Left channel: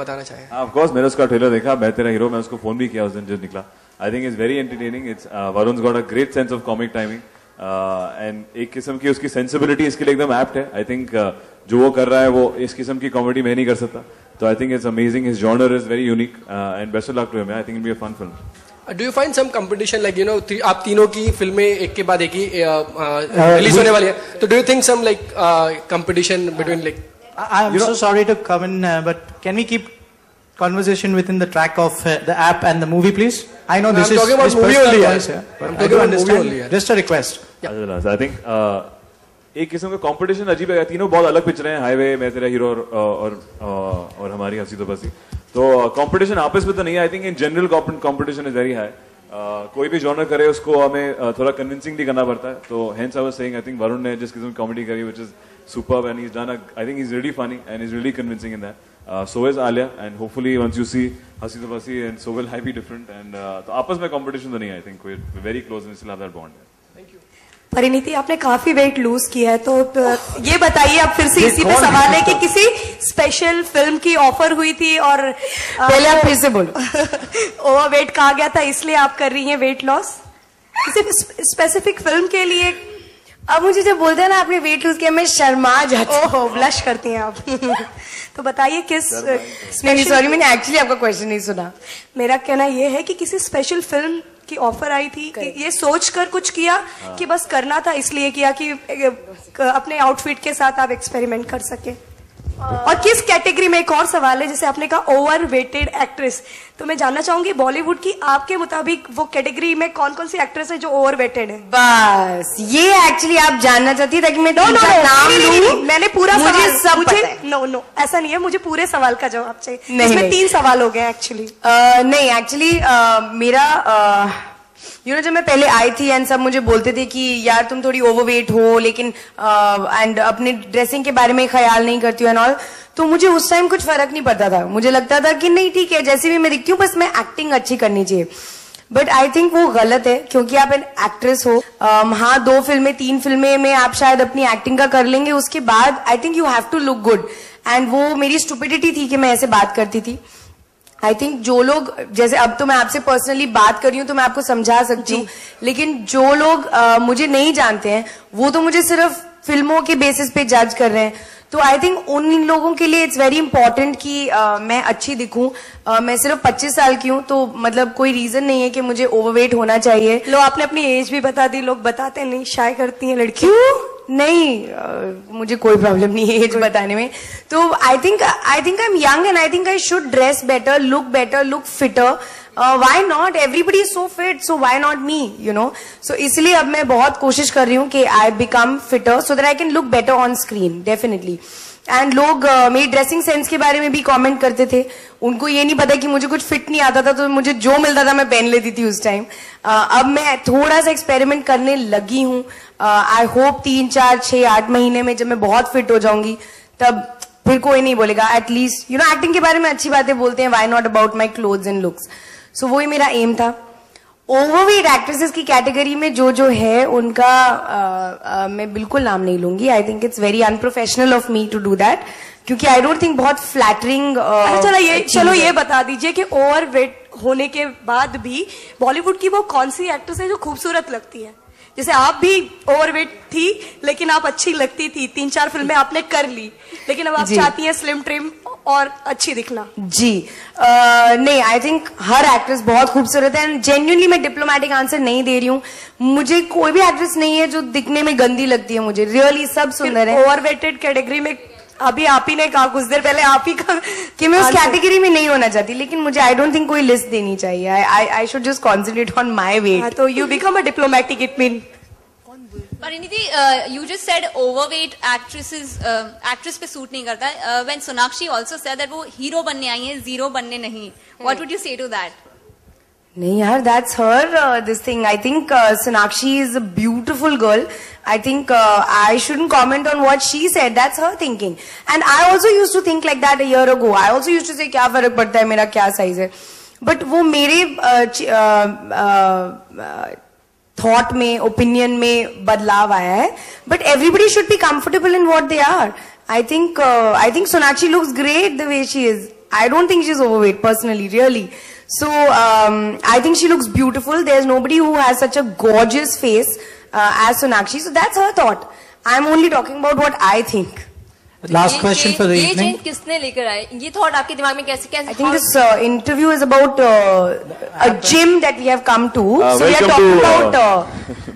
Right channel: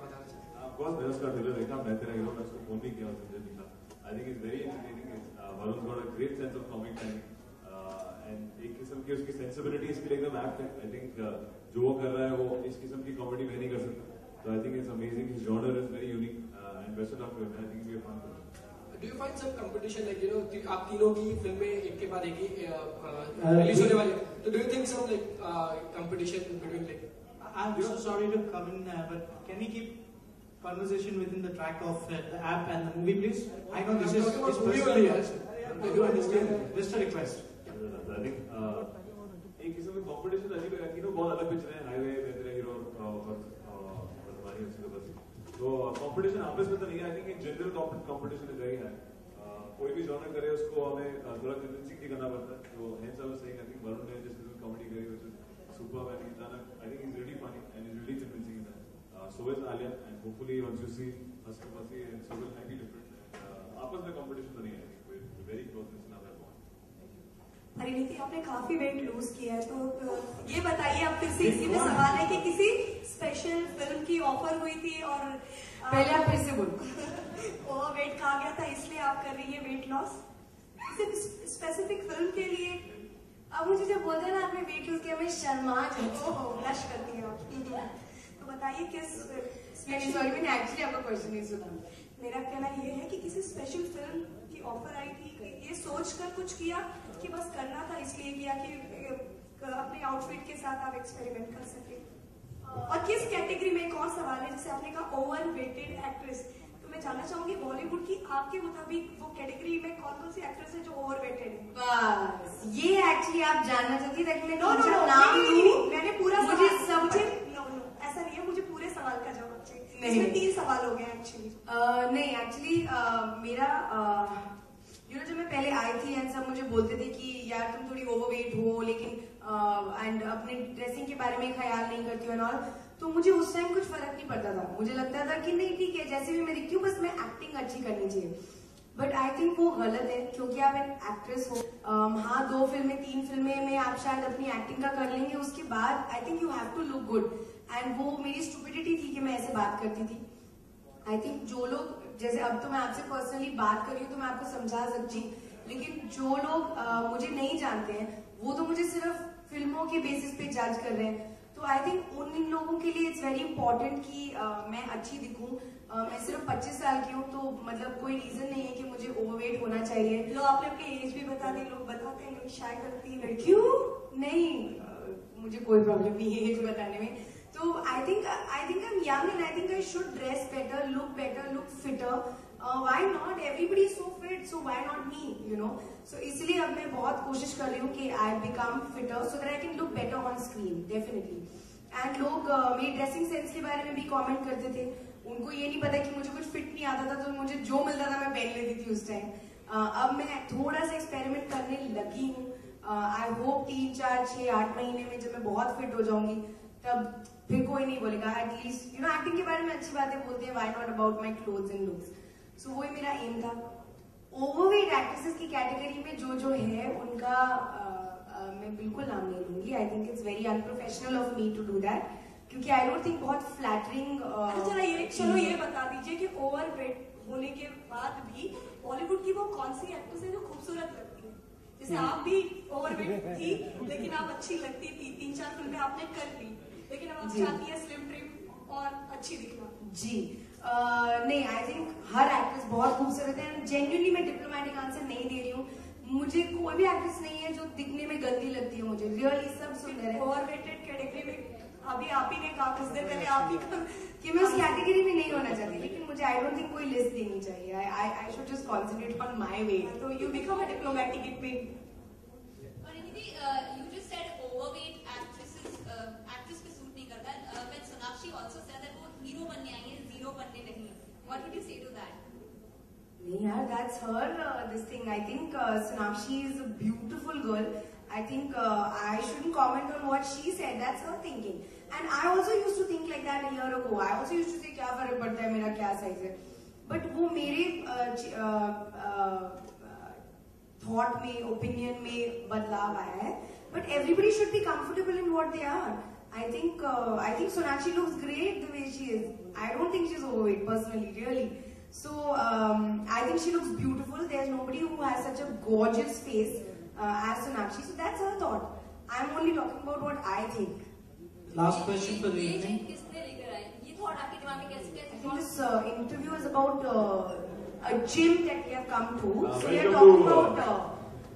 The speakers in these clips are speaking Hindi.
बताना चाहें? ऑफ कोर्स मैंने उसका ट्रेलर देखा, मैं तेरा हीरो, मैं उसको फोन भी किया उस दिन जब निकला. I think it's very entertaining. It's Varun's got a great sense of comic timing and एक किस्म की उसकी सेंसिबिलिटी इसके लिए एकदम एप्ट है. आई थिंक जो वो कर रहा है वो इस किस्म की कॉमेडी मैं नहीं कर सकता. तो I think it's amazing. His genre is very unique and best of luck to him. I think it be a fun film. Do you find some competition like आप तीनों की फिल्में एक के बाद एक ही रिलीज होने वाली है, तो do you think some like competition between like I'm so sorry to come in, but can we keep conversation within the track of the app and the movie, please? I know this is talking about movie only, but I do understand. Just a request. I think एक किस्म का कंपटीशन अजीब है. तीनों बहुत अलग पिक्चर हैं, हाईवे, मैं तेरा हीरो और हमारी हंसी तो बसी. तो कंपटीशन आपस में तो नहीं है. I think in general competition is very high. कोई भी जॉनर करे उसको हमें थोड़ा कन्विंसिंग भी करना पड़ता है. तो hence I was saying I think Varun ने जिस किस्म की कॉमेडी करी which is superb and he is done I think he is really funny and is really convincing in that. So is Alia, and hopefully once you see Hasi to Basi, and so will I be different. And तो आपस में competition तो नहीं है. I think we're very close and still have that bond. Parineeti, आपने काफी वेट लूज किया है, तो ये बताइए, आप फिर से इसी पे सवाल है कि किसी स्पेशल फिल्म की ऑफर हुई थी और पहले आप फिर से बोलो. ओवर वेट कहा गया था, इसलिए आप कर रही हैं वेट लॉस किसी स्पेसिफिक फिल्म के लिए? अब मुझे जब बोलते हैं ना आपने वेट लूज किया, मैं शर्मा जाती हूँ. ओहो, ब्लश करती हैं आप. तो बताइए किस नहीं, सॉरी, मैंने एक्चुअली आपका क्वेश्चन नहीं सुना. मेरा कहना यह है कि किसी स्पेशल फिल्म की ऑफर आई थी, ये सोचकर कुछ किया कि बस करना था इसलिए किया कि अपने आउटफिट के साथ आप एक्सपेरिमेंट कर सके? और किस कैटेगरी में? एक और सवाल है, जैसे आपने कहा ओवर वेटेड एक्ट्रेस, तो मैं जानना चाहूंगी बॉलीवुड की आपके मुताबिक वो कैटेगरी में कौन कौन सी एक्ट्रेस है जो ओवर वेटेड है? बस ये एक्चुअली आप जानना चाहती है ताकि मैं नाम लूं. मैंने पूरा मुझे सब पता है. नो ऐसा नहीं है, मुझे पूरे सवाल का जवाब चाहिए. नहीं, इसमें 3 सवाल हो गए एक्चुअली. नहीं, एक्चुअली मेरा जब मैं पहले आई थी एंड सब मुझे बोलते थे कि यार तुम थोड़ी ओवरवेट हो, लेकिन एंड अपने ड्रेसिंग के बारे में ख्याल नहीं करती हो एंड ऑल, तो मुझे उस टाइम कुछ फर्क नहीं पड़ता था. मुझे लगता था कि नहीं ठीक है, जैसे भी मैं दिखती हूँ, बस मैं एक्टिंग अच्छी करनी चाहिए. बट आई थिंक वो गलत है, क्योंकि आप एन एक्ट्रेस हो. हाँ, 2 फिल्में 3 फिल्में में आप शायद अपनी एक्टिंग का कर लेंगे, उसके बाद I think you have to look good. And वो मेरी स्टुपिडिटी थी कि मैं ऐसे बात करती थी. आई थिंक जो लोग, जैसे अब तो मैं आपसे पर्सनली बात कर रही हूँ तो मैं आपको समझा सकती हूँ, लेकिन जो लोग मुझे नहीं जानते हैं वो तो मुझे सिर्फ फिल्मों के बेसिस पे जज कर रहे हैं. तो आई थिंक उन लोगों के लिए इट्स वेरी इंपॉर्टेंट कि मैं अच्छी दिखूं. मैं सिर्फ 25 साल की हूँ, तो मतलब कोई रीजन नहीं है कि मुझे ओवरवेट होना चाहिए. लो, आपने अपनी एज भी बता दी. लोग बताते नहीं, शाय करती हैं लड़की. क्यों? नहीं, मुझे कोई प्रॉब्लम नहीं है एज बताने में. तो I think I am young and I think I should dress better, look fitter. Why not? Everybody is so fit, so why not me, you know. So इसलिए अब मैं बहुत कोशिश कर रही हूँ कि I become fitter so that I can look better on screen, definitely. And लोग मेरी ड्रेसिंग सेंस के बारे में भी कमेंट करते थे. उनको ये नहीं पता कि मुझे कुछ फिट नहीं आता था, तो मुझे जो मिलता था मैं पहन लेती थी उस टाइम. अब मैं थोड़ा सा एक्सपेरिमेंट करने लगी हूँ. आई होप 3, 4, 6, 8 महीने में जब मैं बहुत फिट हो जाऊंगी तब फिर कोई नहीं बोलेगा. एटलीस्ट एक्टिंग के बारे में अच्छी बातें बोलते हैं, why not about my clothes and looks. So वही मेरा एम था. ओवरवेट एक्ट्रेसेस की कैटेगरी में जो है उनका मैं बिल्कुल नाम नहीं लूंगी. I think it's very unprofessional of me to do that, क्योंकि आई डोंट थिंक बहुत फ्लैटरिंग. चलो ये बता दीजिए कि ओवरवेट होने के बाद भी बॉलीवुड की वो कौन सी एक्ट्रेस है जो खूबसूरत लगती है? जैसे आप भी ओवरवेट थी लेकिन आप अच्छी लगती थी, 3-4 फिल्में आपने कर ली, लेकिन अब आप चाहती हैं स्लिम ट्रिम और अच्छी दिखना. जी नहीं, आई थिंक हर एक्ट्रेस बहुत खूबसूरत है. एंड जेन्युइनली मैं डिप्लोमेटिक आंसर नहीं दे रही हूँ. मुझे कोई भी एक्ट्रेस नहीं है जो दिखने में गंदी लगती है. मुझे रियली सब सुंदर है. ओवरवेटेड कैटेगरी में अभी आप ही ने कहा कुछ देर पहले, आप ही का कि मैं उस कैटेगरी में नहीं होना चाहती, लेकिन मुझे आई डोंट थिंक कोई लिस्ट देनी चाहिए. I should just concentrate on my weight. तो you become a diplomatic, it mean. Pariniti, you just said overweight actress पे सूट नहीं करता. When Sonakshi also said that वो हीरो बनने आई हैं, जीरो बनने नहीं. What would you say to that? नहीं यार, that's her this thing. I think Sonakshi is a beautiful girl. I think I shouldn't comment on what she said. That's her thinking. And I also used to think like that a year ago. I also used to say क्या फर्क पड़ता है मेरा क्या साइज है. But वो मेरे थॉट में, ओपिनियन में बदलाव आया है. But everybody should be comfortable in what they are. I think Sonakshi looks great the way she is. I don't think she's overweight personally, really. So I think she looks beautiful. There's nobody who has such a gorgeous face as Sonakshi. So that's her thought. I'm only talking about what I think. Last question for the ये evening. change किसने लेकर आए? ये thought आपके दिमाग में कैसे I think this interview is about a gym that we have come to. So we are welcome talking to, about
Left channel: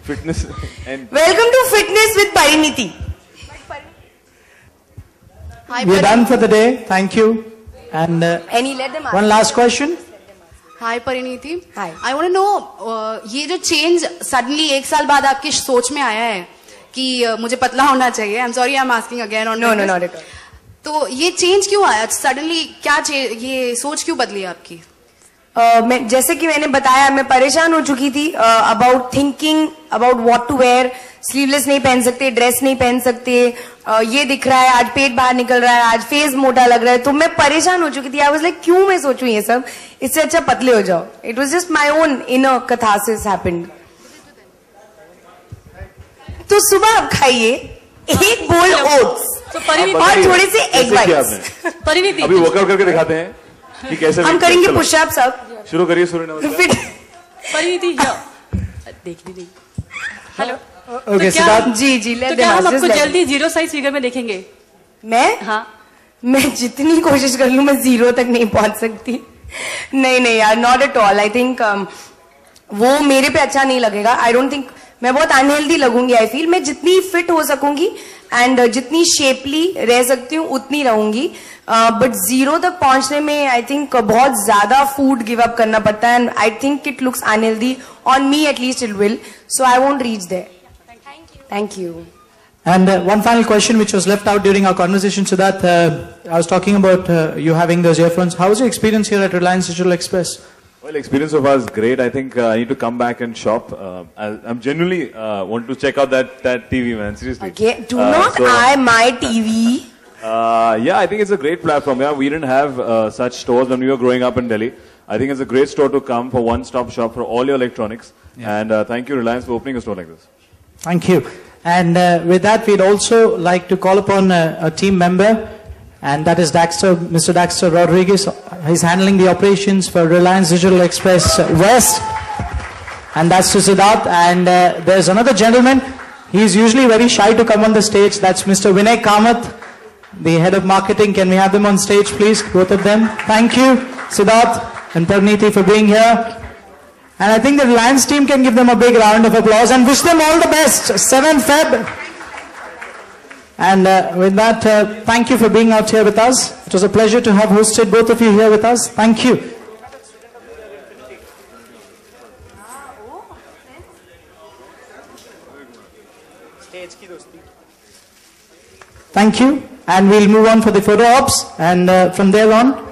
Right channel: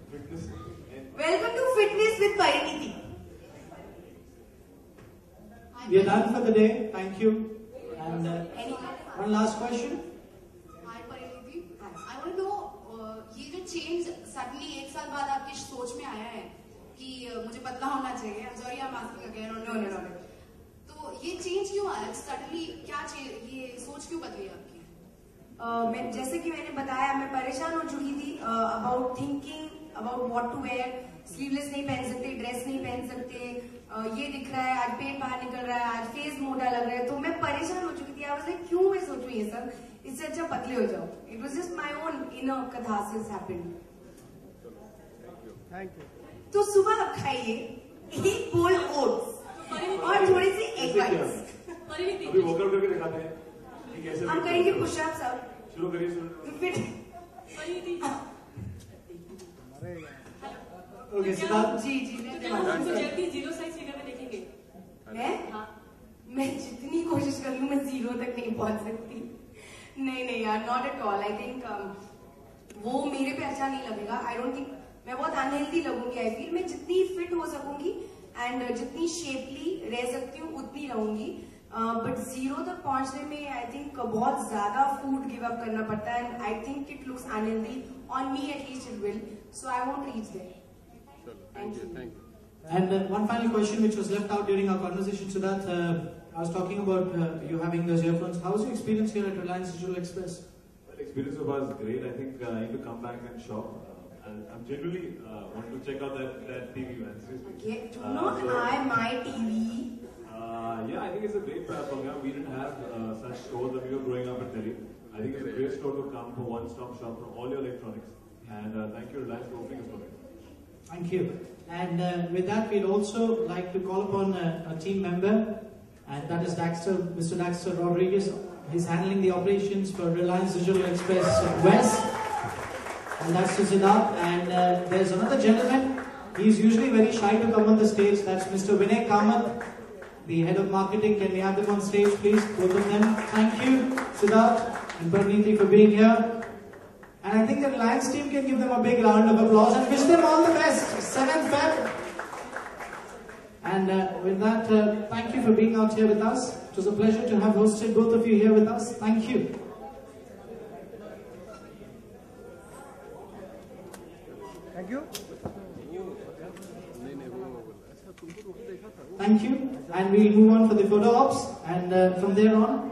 fitness and welcome to Fitness with Pariniti. We're done for the day. Thank you. And Any let them ask. one last question. Hi Parineeti Hi. I want to know ये जो चेंज सडनली 1 साल बाद आपकी सोच में आया है कि मुझे पतला होना चाहिए I am sorry I am asking again on No, not at all. तो ये चेंज क्यों आया सडनली क्या ये सोच क्यों बदली आपकी मैं जैसे कि मैंने बताया मैं परेशान हो चुकी थी about thinking about what to wear sleeveless नहीं पहन सकते ड्रेस नहीं पहन सकते ये दिख रहा है आज पेट बाहर निकल रहा है आज फेस मोटा लग रहा है तो मैं परेशान हो चुकी थी आई वाज लाइक क्यों मैं सोचूं ये सब इससे अच्छा पतले हो जाओ it was just my own inner catharsis happened तो सुबह आप खाइए एक बोल ओट्स तो परिणीति और थोड़े से एग कैसे किया वाइट्स आपने? परिणीति अभी वर्कआउट करके दिखाते हैं कि कैसे हम करेंगे पुशअप्स अब शुरू करिए सूर्य नमस्कार फिर परिणीति देखनी नहीं हेलो Okay, क्या- Siddharth. जी तो क्या हम आपको जल्दी 0 साइज फिगर में देखेंगे मैं हाँ मैं जितनी कोशिश कर लूं मैं 0 तक नहीं पहुंच सकती नहीं यार not at all I think वो मेरे पे अच्छा नहीं लगेगा आई डोंट थिंक मैं बहुत अनहेल्दी लगूंगी आई फील मैं जितनी फिट हो सकूंगी एंड जितनी शेपली रह सकती हूँ उतनी रहूंगी बट 0 तक पहुंचने में आई थिंक बहुत ज्यादा फूड गिव अप करना पड़ता है and I think it looks unhealthy on me at least it will so I won't reach there thank you And one final question which was left out during our conversation, Siddharth. I was talking about you having those earphones. How was your experience here at Reliance Digital Express? Well, experience so far is great. I think I need to come back and shop. I'm genuinely want to check out that TV, man. Seriously. Okay, do not eye my TV. Yeah, I think it's a great platform. Yeah, we didn't have such stores when we were growing up in Delhi. I think it's a great store to come for one-stop shop for all your electronics. Yeah. And thank you, Reliance, for opening a store like this. Thank you. And with that, we'd also like to call upon a team member, and that is Mr. Daxter Rodriguez. He's handling the operations for Reliance Digital Express West. And that's to Siddharth. And there's another gentleman. He's usually very shy to come on the stage. That's Mr. Vinay Kamath, the head of marketing. Can we have them on stage, please? Both of them. Thank you, Siddharth and Parneeti, for being here. And I think the Reliance team can give them a big round of applause and wish them all the best. 7 Feb. And with that, thank you for being out here with us. It was a pleasure to have hosted both of you here with us. Thank you. Thank you. And we'll move on for the photo ops. And from there on,